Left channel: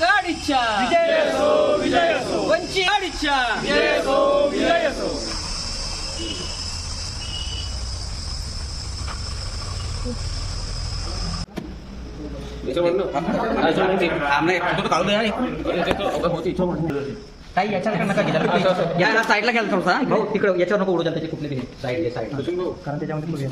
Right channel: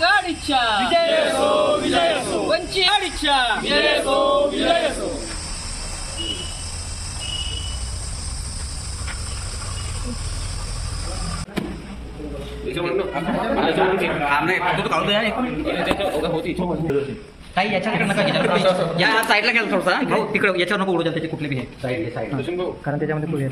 गाडीच्या विजय असो, विजय असो. वंचित गाडीच्या विजय असो, विजय असो. काही याच्याकडे नका या साईडला घ्याल थोडसा भाऊ तिकडे याच्यावर नको उडू द्या त्याचे कुठले बी साईड कारण त्याच्यामध्ये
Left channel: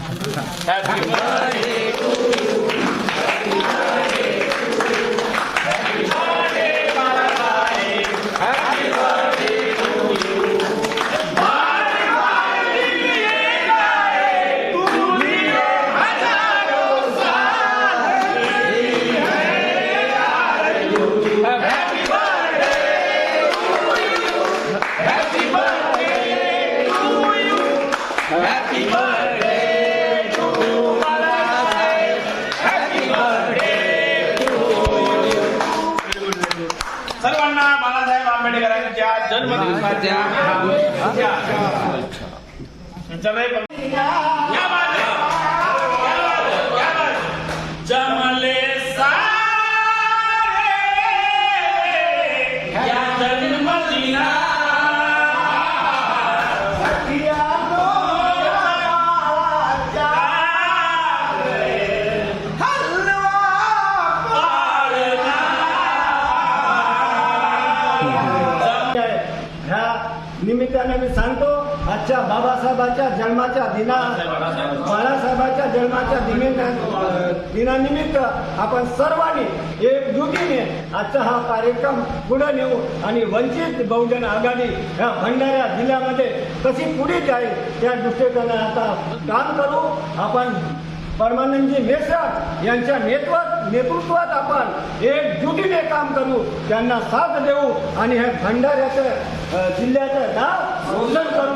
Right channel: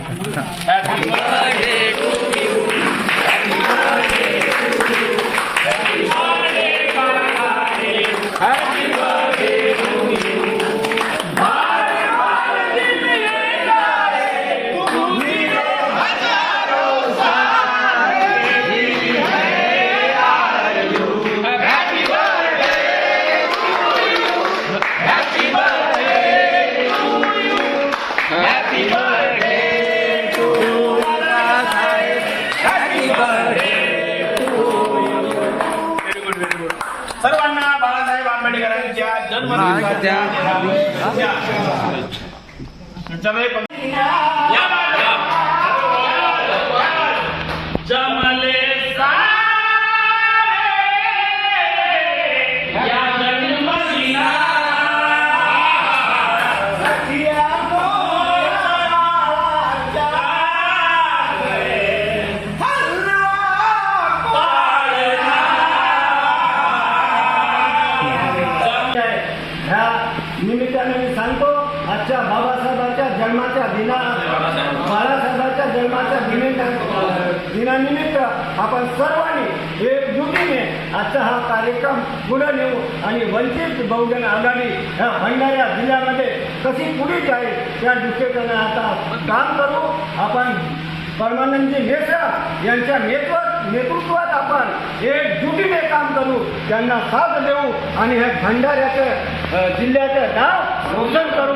Happy birthday to Balasaheb. Happy birthday to you. सर्वांना बाळासाहेब आंबेडकरांच्या जन्मदिवसाच्या जमले सारे या जन्मदिना निमित्ताने मी सांगतो आजच्या बाबासाहेबांच्या जन्माच्या बाळासाहेबांच्या जन्माच्या दिनानिमित्त आपण सर्वांनी एकजुटीने आजचा हा कार्यक्रम पुढे नेऊ आणि वंचित बहुजन आघाडी ह्या भंडारा जिल्ह्यामध्ये कशी पुढे जाईल त्या दृष्टीने आता काम करू. आपण परमानंदजी मेश्राम यांच्या नेतृत्वात आपण एकजुटीने काम करू, त्यांना साथ देऊ आणि हे भंडाऱ्याचं जिल्ह्याचं नाव रोशन करू.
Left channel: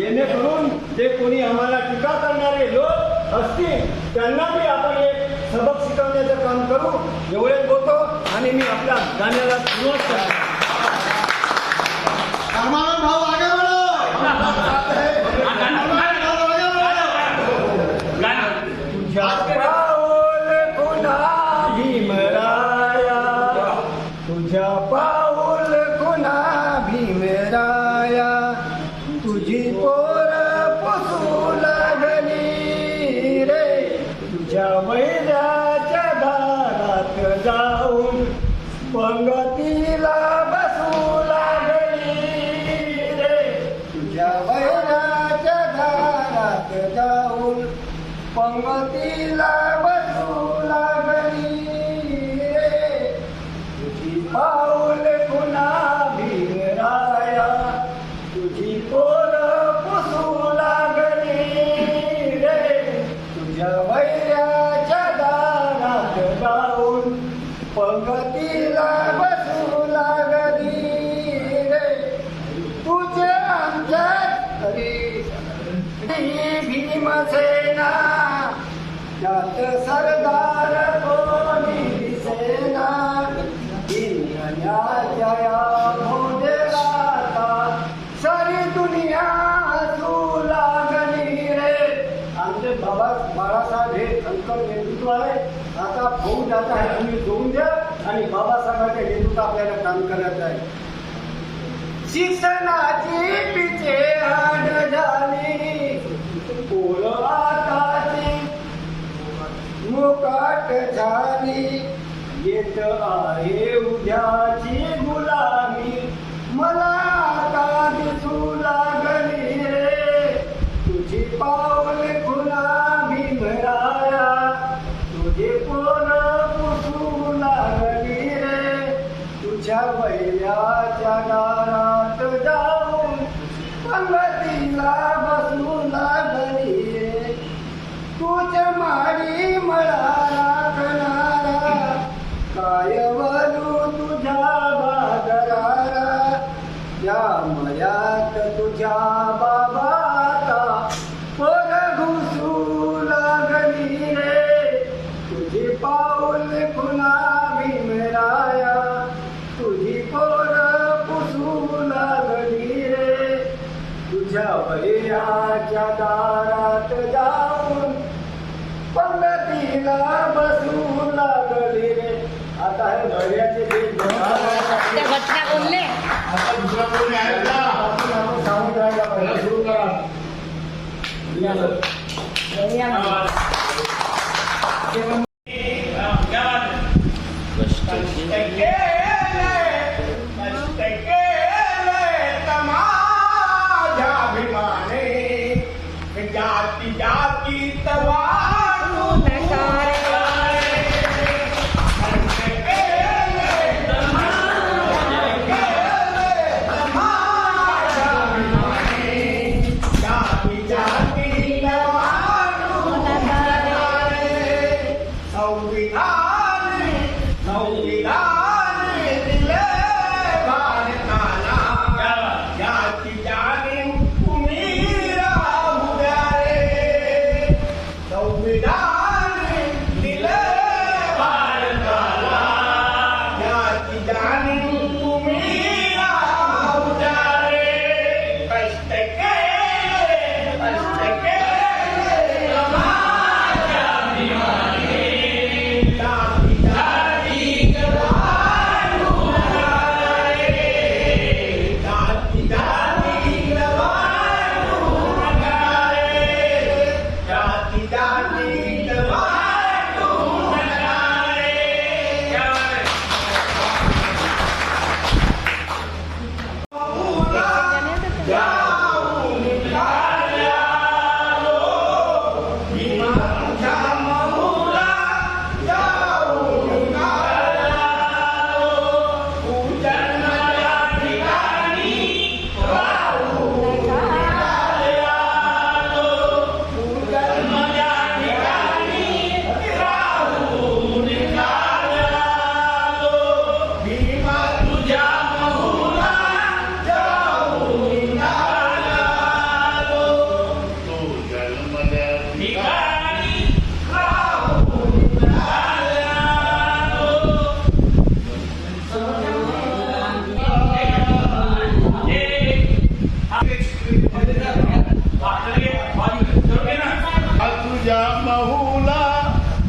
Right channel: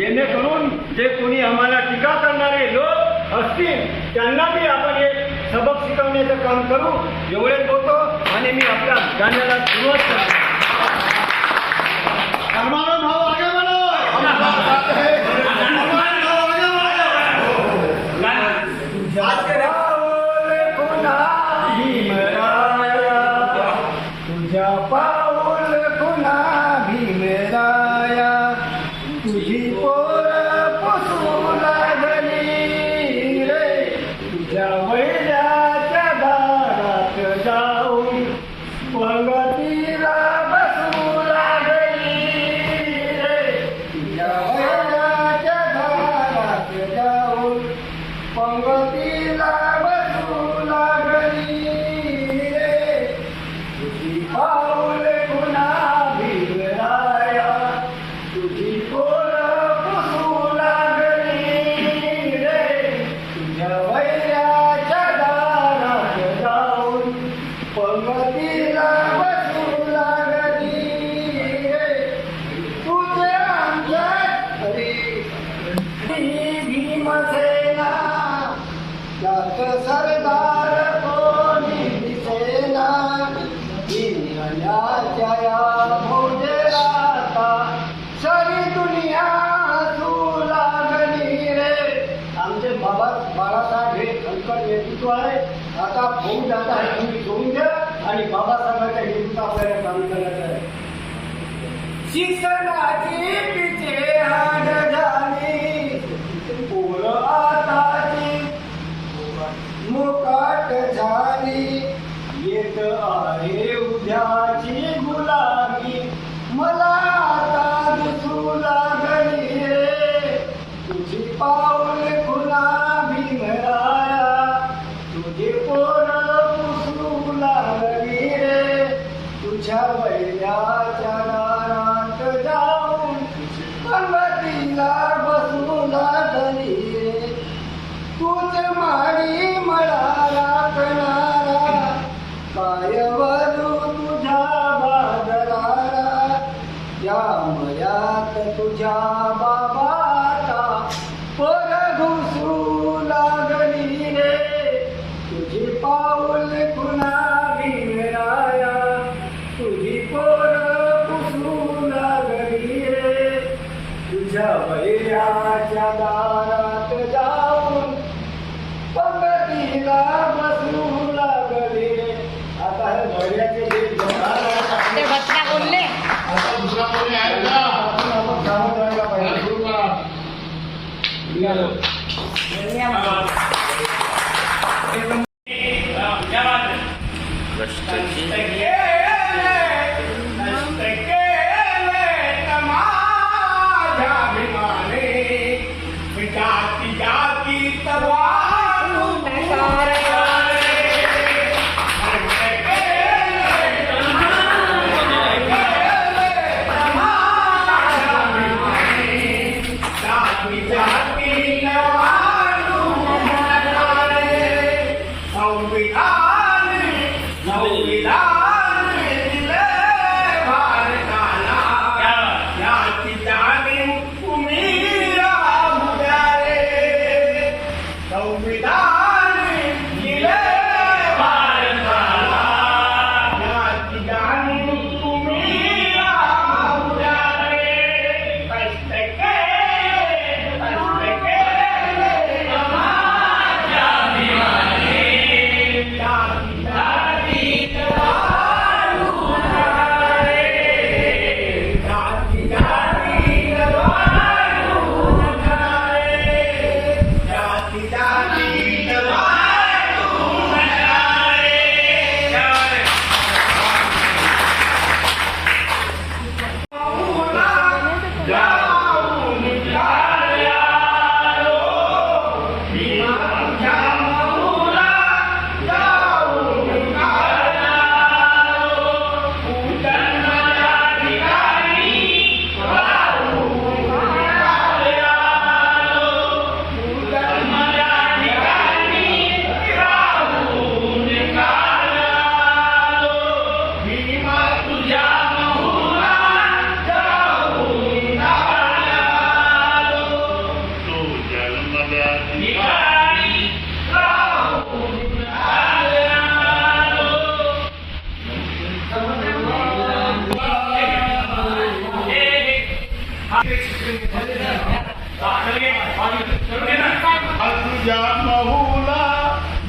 येणेकरून जे कोणी आम्हाला टीका करणारे लोक असतील त्यांना बी आपण एक सबक शिकवण्याचं काम करू. एवढेच बोलतो आणि मी आपल्या गाण्याला सुरुवात करतो. भाऊ आगे बढो. तुझ्या पाऊल खुना भीमराया तुझी पोर पोसू लागली रे तुझ्या वैराच्या दारात जाऊन पंगतीला बसू लागली रे तुझ्या वैराच्या दारात जाऊन पंगतीला बसू लागली रे तुझी पाऊल खुना भीमराया तुझी पोर पुसू लागली रे तुझ्या वैराच्या दारात जाऊन पंगतीला बसू लागली रे तुझे आमच्यात हरी भीमसेना त्यात सरदार कोणी दिसेना जया भोजराता सारी दुनिया हसू लागली रे. आमचे बाळासाहेब हे खनकर नेतृत्व आहे. आता होऊन जात आहे, तुम्ही जोडून द्या आणि बाबासाहेबांच्या नेतृत्व आपल्याला काम करायचं आहे. शिक्षणाची पिछे हाड झाली पोर आताची मुकाट झाली येत आहे उद्याची गुलामी मला आता दिसू लागली रे तुझी पाऊल खुना भीमराया तुझे पोर पुसू लागली रे तुझ्या वैराच्या दारात जाऊन पंगतीला बसू लागली रे तुझ माडी मला राखणारा काय वरू तुझ्या बागलारा या मयात तुझ्या बाबाता पोर घुसू लागली रे तुझी पाऊल खुना भीमराया तुझी पोर पुसू लागली रे तुझ्या वैराच्या दारात जाऊन पंगतीला आपण सावध राहायला पाहिजे. जाती जाती तवारू जाती जाती तवारू संविधान संविधान दिले भारताला जाती जाती तुम्ही राहू द्या रे संविधान दिले भारताला जाती जाती तुम्ही राहू द्या रे कष्ट केले समाजा भिमाने जाती जाती जवानू नगारे जाती जाती जवानू नगारे जाती जाती जवानू नगारे जाऊन काढ्या लो भीमाच्या महुला जाऊन काढ्या लो उजळणाऱ्या ठिकाणी राहून काढ्या लो उजळणाऱ्या ठिकाणी राहून काढ्या लो भीमा तुझ्या महुला जाऊन काढ्या लो तू जन्मल्या ठिकाणी राहून काढ्या लो तुझ्या महुला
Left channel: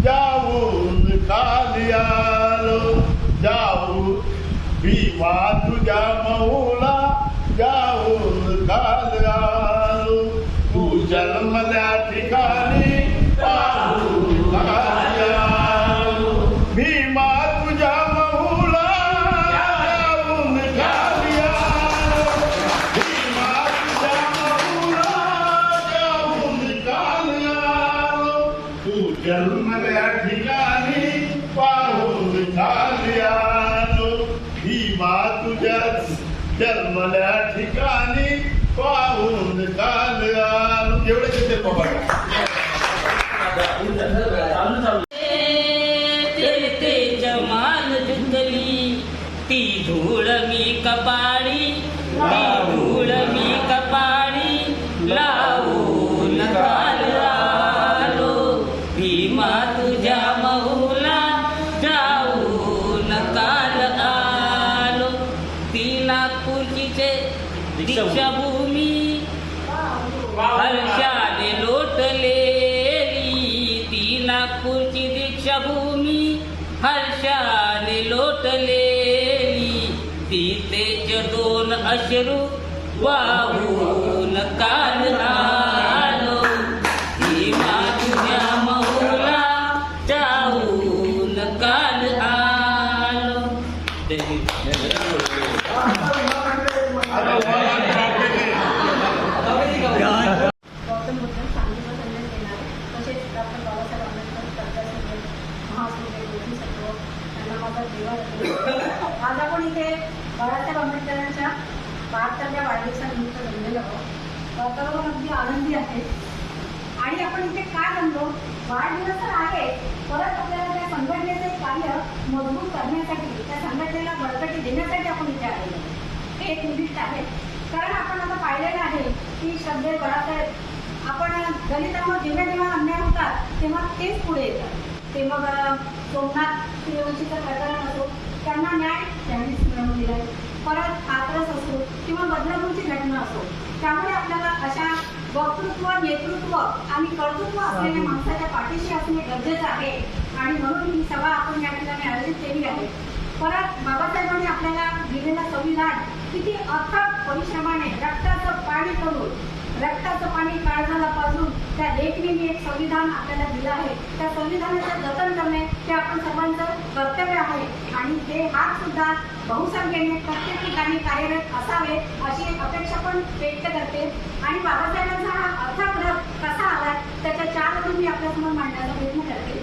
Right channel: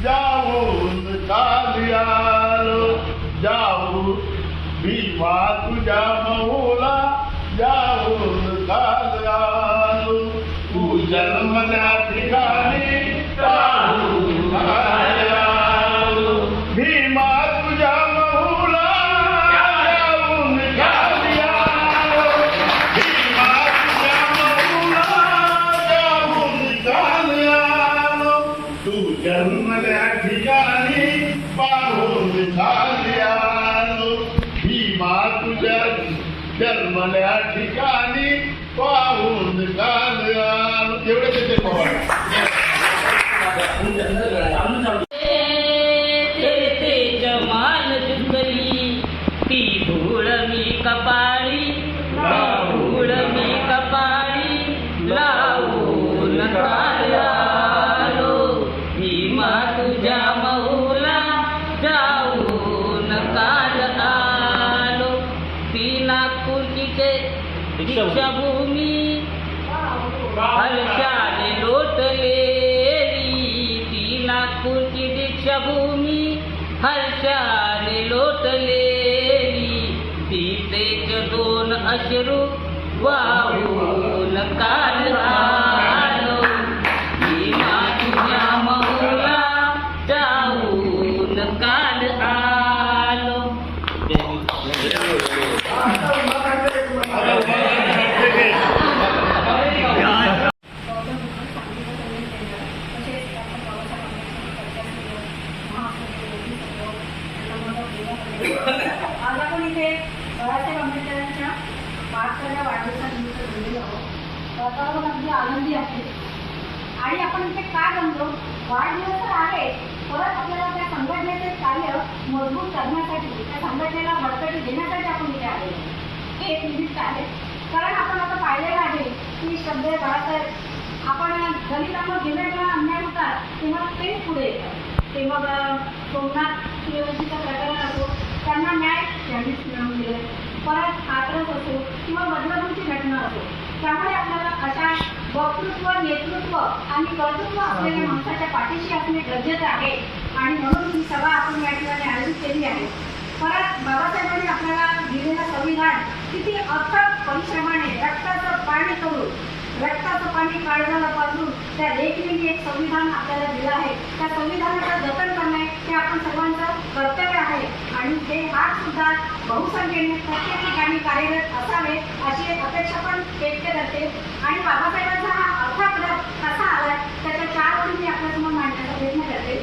जाऊन खाली आलो जाऊ भीमा तुझ्या महुला जाऊन खाली आलो तू जन्मल्या ठिकाणी राहून खाली आलो भीमा तुझ्या महुला जाऊन खाली आलो भीमा तुझ्या महुला जाऊन खाली आलो तू जन्मल्या ठिकाणी पाहून खाली आलो भीमा तुझ्या जन्मल्या ठिकाणी पाहून खाली आलो एवढे तिथे पवार ते जमाल जुंगली ती धूळ मी कपाळी धूळ मी कपाळी लावून काल आलो भीमा तुझ्या महुला जाऊन काल आलो ती नागपूरची दीक्षाभूमी हर्षाने लोटलेली ती नागपूरची दीक्षाभूमी हर्षाने लोटलेली ती तेज दोन अश्रू वाहून काल आलो भीमा तुझ्या महुला जाऊन काल आलो गौतम बुद्ध सांगलीचं संदेश देणार तसेच डॉक्टर बाबासाहेब आंबेडकर प्रजासत्ताक महासंघ बोधिसत्व यांना माझा देवा आज आपण इथे बाळासाहेब आंबेडकरांच्या 72व्या वाढदिवसानिमित्त जमलेलो आहोत. तर अगदी आनंदी आहे. आणि आपण इथे का जमलो? वाढदिवस तर आहे, परत आपल्याला त्या संघटनेचे कार्य मजबूत करण्यासाठी त्या संघटनेला बळकटी देण्यासाठी आपण इथे आलेलो आहोत. हे एक निमित्त आहे. कारण आपण आता पाहिलेलं आहे की श्रद्धेय बाळासाहेब आपण दलितांवर जेव्हा जेव्हा अन्याय होतात तेव्हा तेच पुढे येतात. ते मग सोमनाथ सूर्यवंशीचं प्रकरण असो, त्यांना न्याय त्यांनीच मिळवून दिलाय. परत हातरस असो किंवा बदलापूरची घटना असो, त्यामुळे आपल्याला अशा वक्तृत्व, नेतृत्व आणि कर्तृत्व असलेल्या माणसाच्या पाठीशी असणे गरजेचं आहे. आणि म्हणून ही सभा आपण या ठिकाणी आयोजित केली आहे. परत बाबासाहेबांनी आपल्याला दिलेलं संविधान किती अथक परिश्रमाने रक्ताचं पाणी करून रक्ताचं पाणी काढण्याला पासून त्या लेखणीने एक संविधान आपल्याला दिलं आहे. त्या संविधानाचं जतन करणे हे आपण सर्वांचं कर्तव्य आहे आणि ते हात सुद्धा बहुसंख्येने प्रत्येक ठिकाणी कार्यरत असावे अशी अपेक्षा पण व्यक्त करते. आणि बाबासाहेबांचा हा अर्थात कसा आला त्याच्या 4 ओळी मी आपल्यासमोर मांडण्याचा प्रयत्न करते.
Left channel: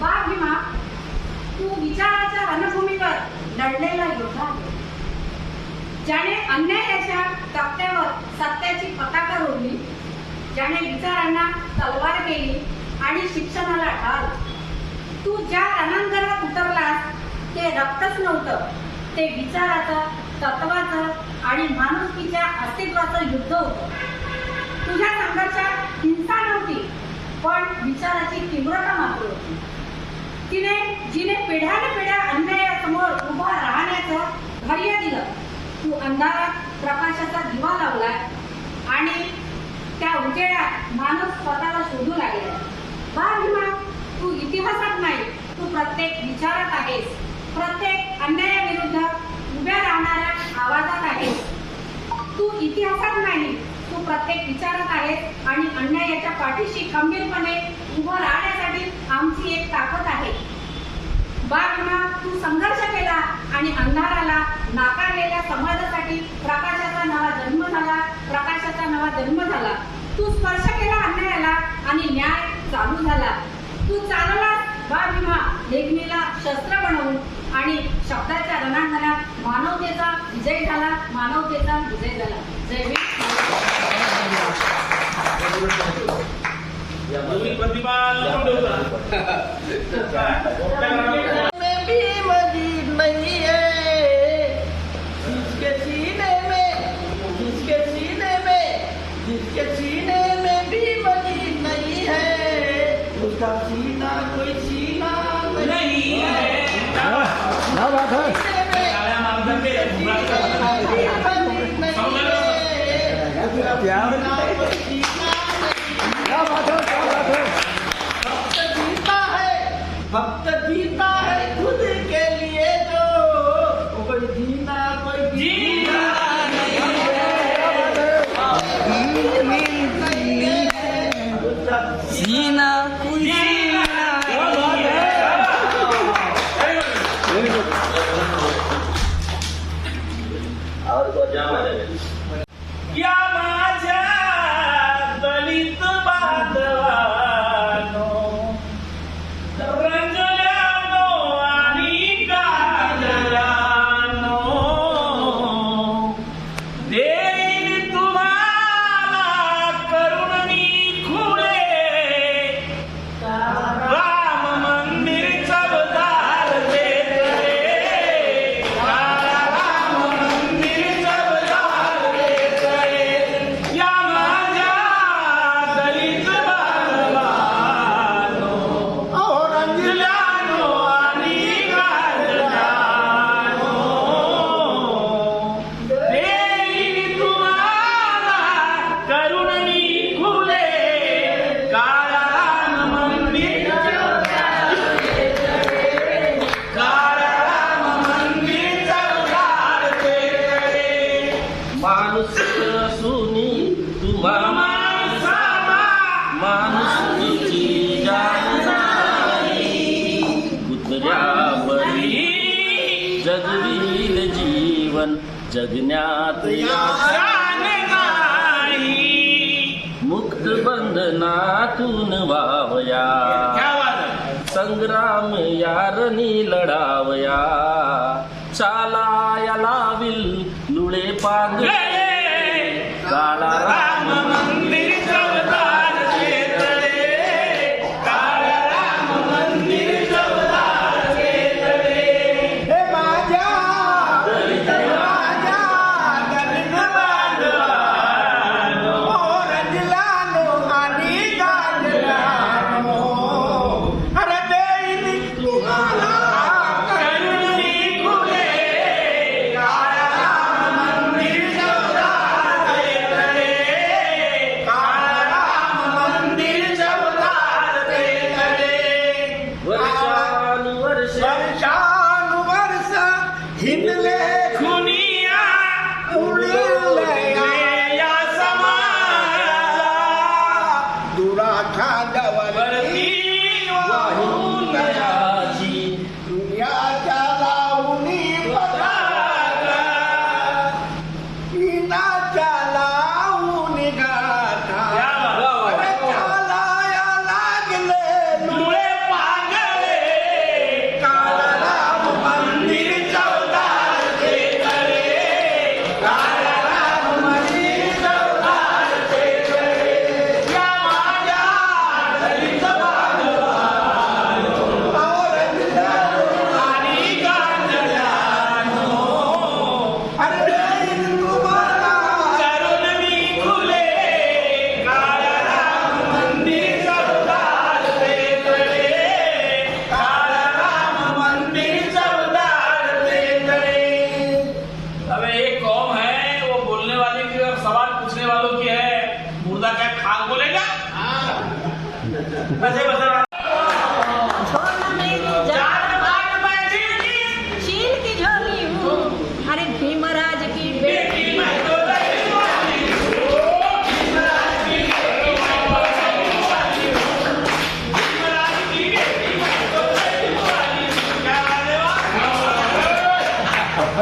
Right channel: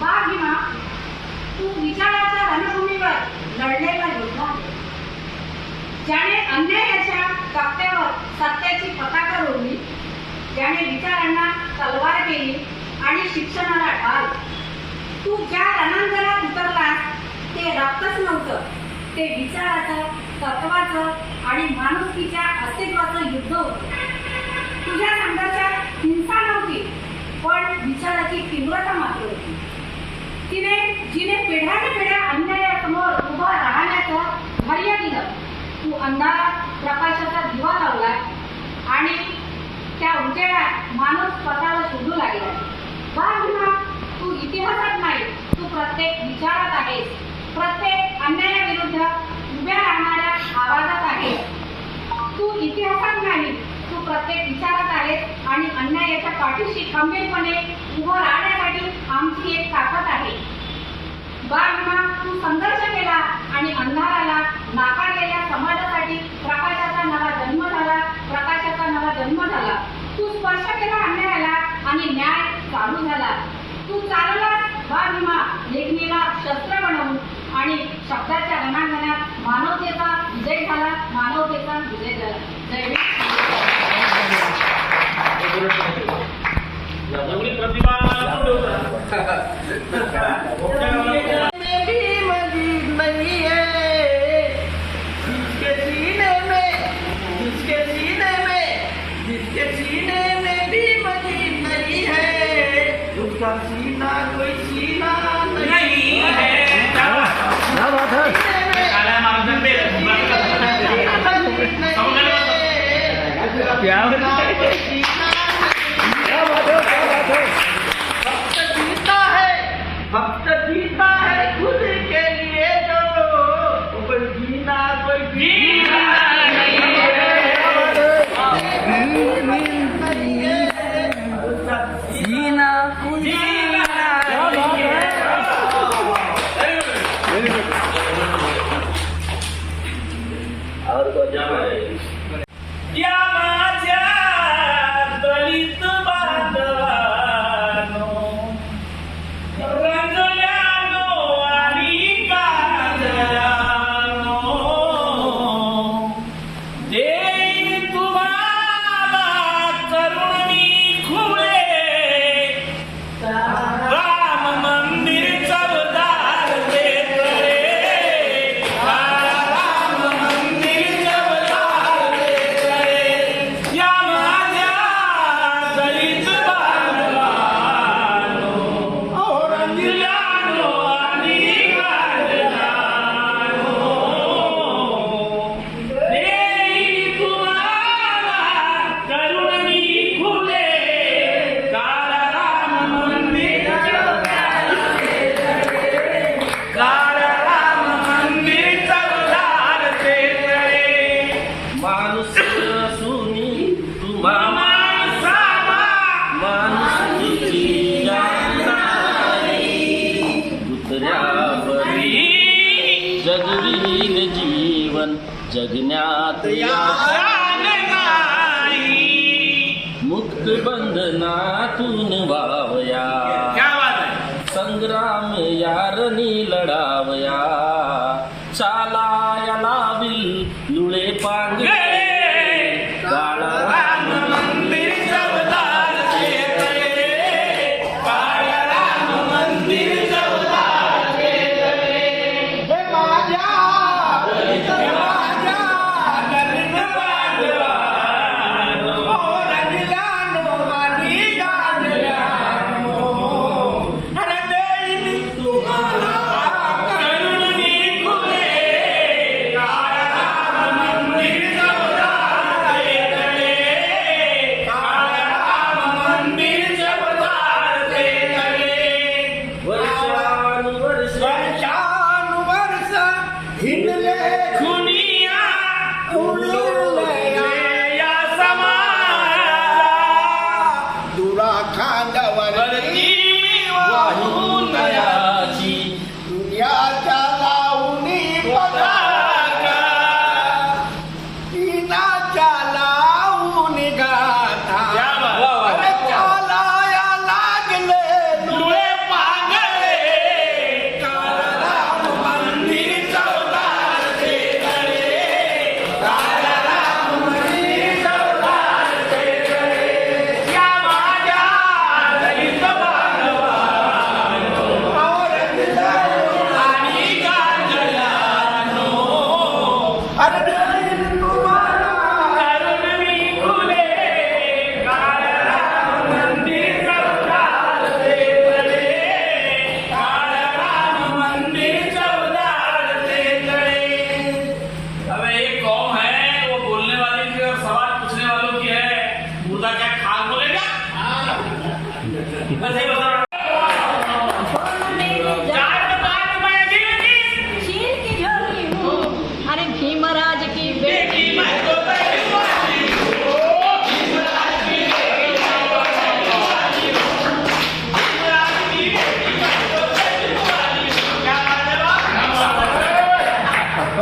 बाळ भीमा, तू विचाराच्या रणभूमीवर लढलेला योद्धा आहे, ज्याने अन्यायाच्या तख्त्यावर सत्याची पताका रोवली, ज्याने विचारांना तलवार केली आणि शिक्षणाला ढाल. तू ज्या रणांगणात उतरलास ते रक्तच नव्हतं, ते विचाराचं, तत्वाचं आणि माणुसकीच्या अस्तित्वाचं युद्ध होतं. तुझ्या संघर्षात हिंसा नव्हती, पण विचाराची तीव्रता मात्र होती. जिने पिढ्यानपिढ्या अन्यायासमोर उभा राहण्याचं धैर्य दिलं. तू अंधारात प्रकाशाचा दिवा लावलाय आणि त्या उजेडात माणूस स्वतःला शोधू लागला. बाळ भीमा, तू इतिहासात नाही, तू प्रत्येक विचारात आहेस, प्रत्येक अन्यायाविरुद्ध उभ्या राहणाऱ्या आवाजात आहेस. तू इतिहासात नाही, तू प्रत्येक विचारात आहेस आणि अन्यायाच्या पाठीशी खंबीरपणे उभं राहण्यासाठी आमची एक ताकद आहे. बाळ भीमा, तू संघर्ष केला आणि अंधाराला नाकारलेल्या समाजासाठी प्रकाशाचा नवा जन्म झाला, प्रकाशाचा नवा जन्म झाला. तू स्पर्श केला अन्यायाला आणि न्याय चालू झाला. तू चालला बाळ भीमा लेखणीला शस्त्र बनवून आणि शब्दाच्या रणांगणात मानवतेचा विजय झाला, मानवतेचा विजय झाला. जय हिंद. भक्त जीता है खुद के लिए, जो कोई जीना कोई जीना नहीं है, जीना कोई जीना नहीं है. और को जाना है या माझ्या दलित बांधवानो, रंजल्यानो आणि काजरानो, देईन तुम्हाला करुण मी खुले, राम मंदिर चवदार देतरे, राम मंदिर चवदार देतरे. या माझ्या दलित बांधवानो, अहो रंजल्यानो आणि काजरानो, देईन तुम्हाला करुण मी खुले, काळा राम मंदिर काळा राम मंदिर चवदार देतरे. माणूस असूनी तुम्हा माणसाला माणुसकीची जाण नाही, दुसऱ्यावरी जगवील जीवन जगण्यात आशा नाही, मुक्त बंधनातून वावया, संग्राम यारणी लढावया, चालाया लावील लुळे पांगळे, काळा राम मंदिर चवदार देतरे, काळा राम मंदिर चवदार देतरे. हे माझ्या दलित बांधवानो, ओ रंजल्यानो आणि गाजल्यानो, अरे देईन तुम्हाला करुण मी खुले, काळा राम मंदिर चवदार देतरे, काळा राम मंदिर चवदार देतरे. वर्षानुवर्ष हिंडले दुनिया उडले या समाजाला दुरा खांद्यावरती वाहून याची दुनियाच्या लावणी पताका इनाच्या लावणी गाथा या बाबा. अरे चालाया लागले डोळे पांगळे काळराम मंदिर चौदारचे तळे काळराम मंदिर चौदारचे तळे या माझ्या दलित बांधवांनो, आणि गांजलांनो, करून मी खुले काळराम मंदिर चौदारचे तळे, काळराम मंदिर चौदारचे तळे. अबे एक कौम है, वो बोलने वाले की और सवाल पूछने वालों की है. मुर्दा क्या खाक बोलेगा? बसे बसे छोड़ मेरी जान बात मैं दिल की शील की झोली हूँ अरे भीमराज की बेटी बेटी मैं तो तेरी वाली हूँ. भीमराज की बेटी मैं तो तेरी वाली हूँ. भीमराज की बेटी मैं तो तेरी वाली हूँ. क्या बात है बा?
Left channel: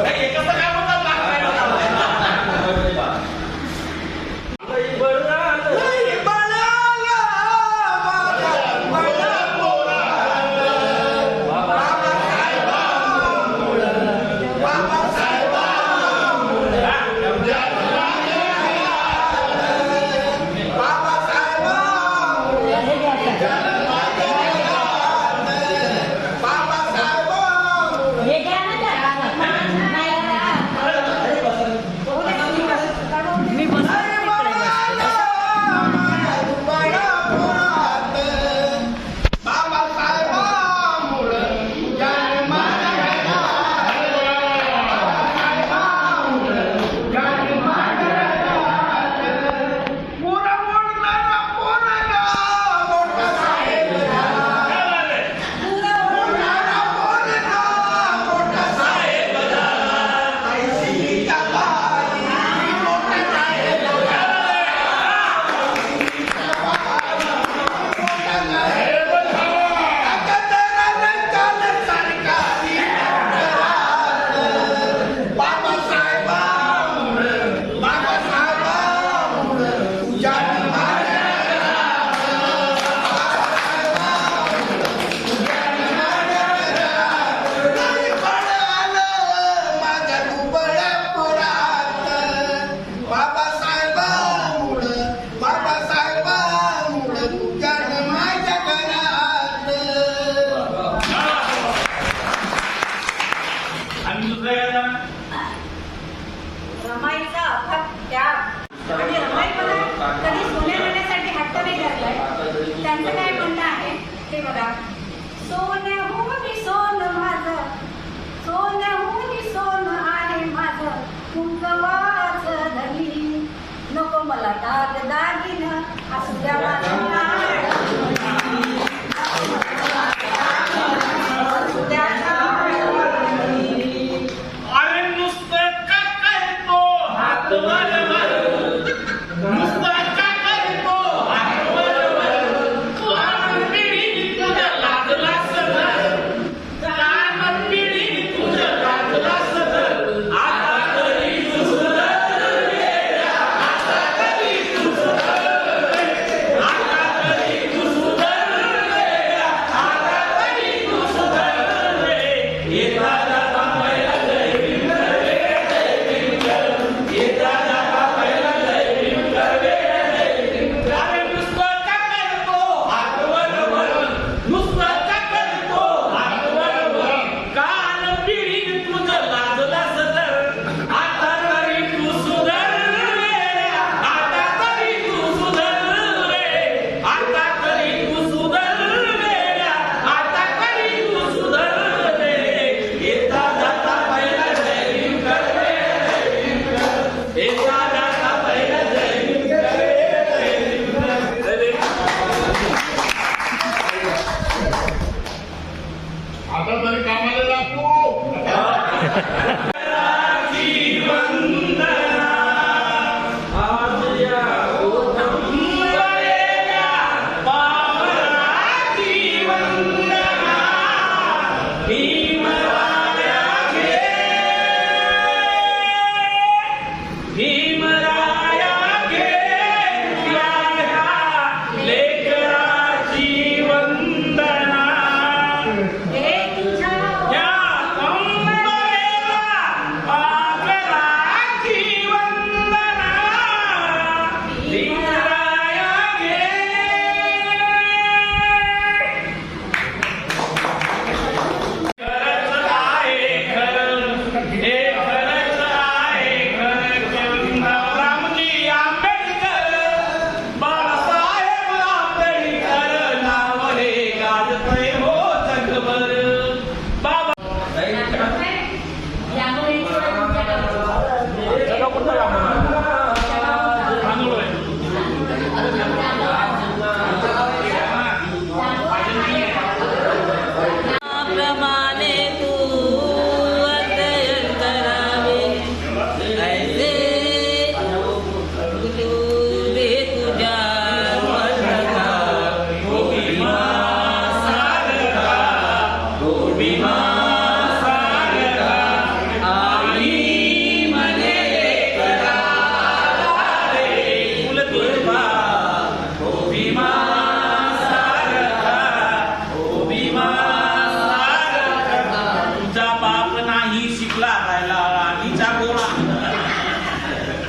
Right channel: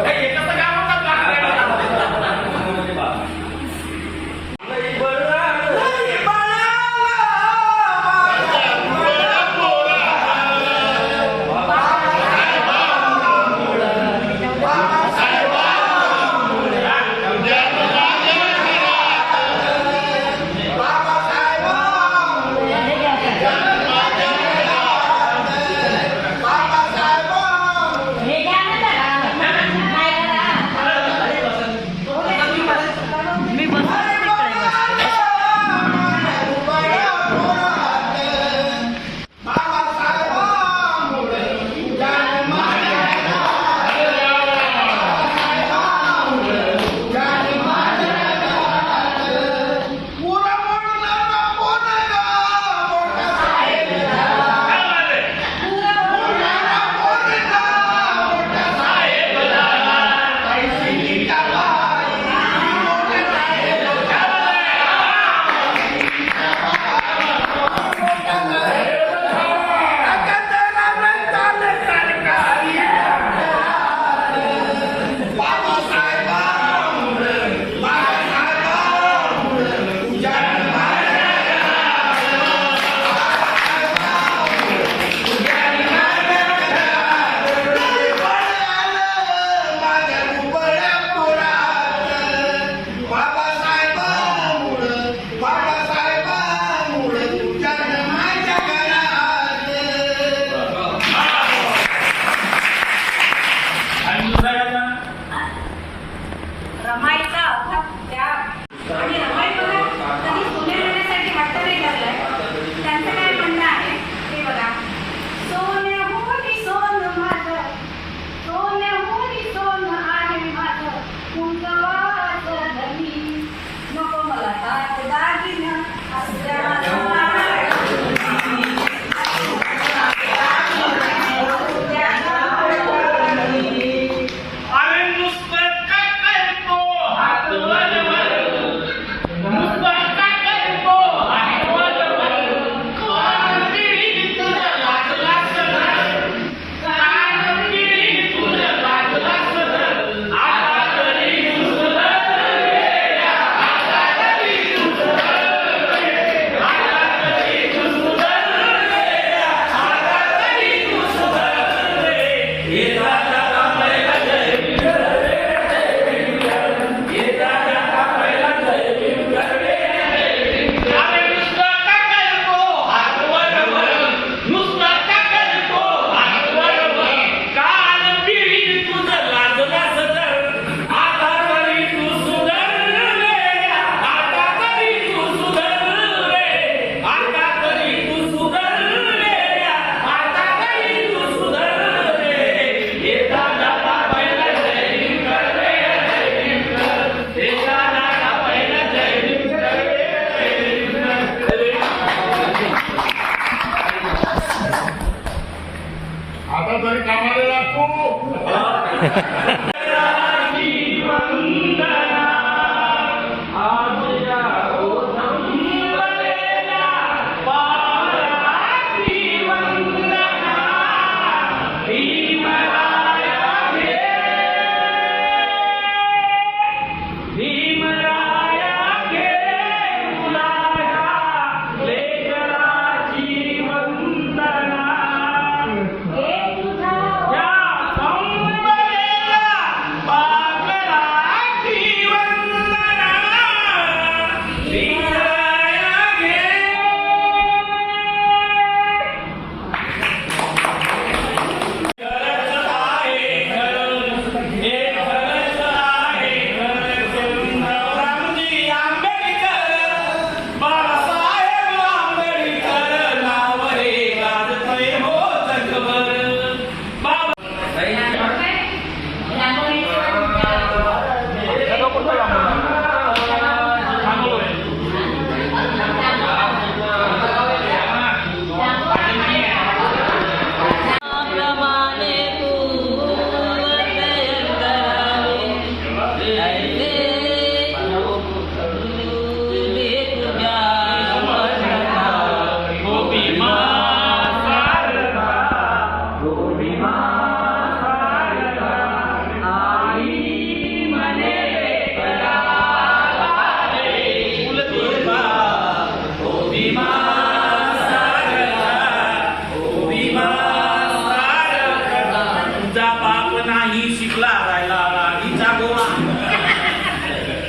ए, ये कसं काय म्हणतात लागलं? हे गाणं मी आणि दुसरा गाणं? रमाईचा अथक त्याग आणि रमाई मला कधी सोने देण्यासाठी हट्ट नाही धरलाय. त्यांचं काय म्हणणं आहे ते बघा. सोन्याहून सोन माझं, सोन्याहून सोन आहे माझं, कुंकवाचं धनी नको मला दाग दागिनं असू द्या माझं नाव. असू द्या नाव. अरे नुसतं का करतो हात वर वर, नुसतं का करतो हात वर वर, कान पिढी तुझ्या लागला सदर, कान पिढी तुझ्या लागला सदर, आता तरी तू सुधर रे, आता तरी तू सुधर रे, आता तरी तू सुधर रे, आता तरी तू सुधर रे. हे दादा कामाला जय भीम रे, जय भीम कर. हे दादा कामाला जय भीम कर रे, जय भीम कर. अरे नुसतं का करतो हात वर वर, नुसतं का करतो हात वर वर, कान पिढी तुझं लाजला सदर, आता तरी तू सुधर रे, आता तरी तू सुधर रे, आता तरी तू सुधर रे, आता तरी तू सुधर रे. हे दादा कामाला जय भीम कर रे, जय भीम कर. हे दादा कामाला जय भीम कर रे, जय भीम कर. आता तरी कामाला लागतो. He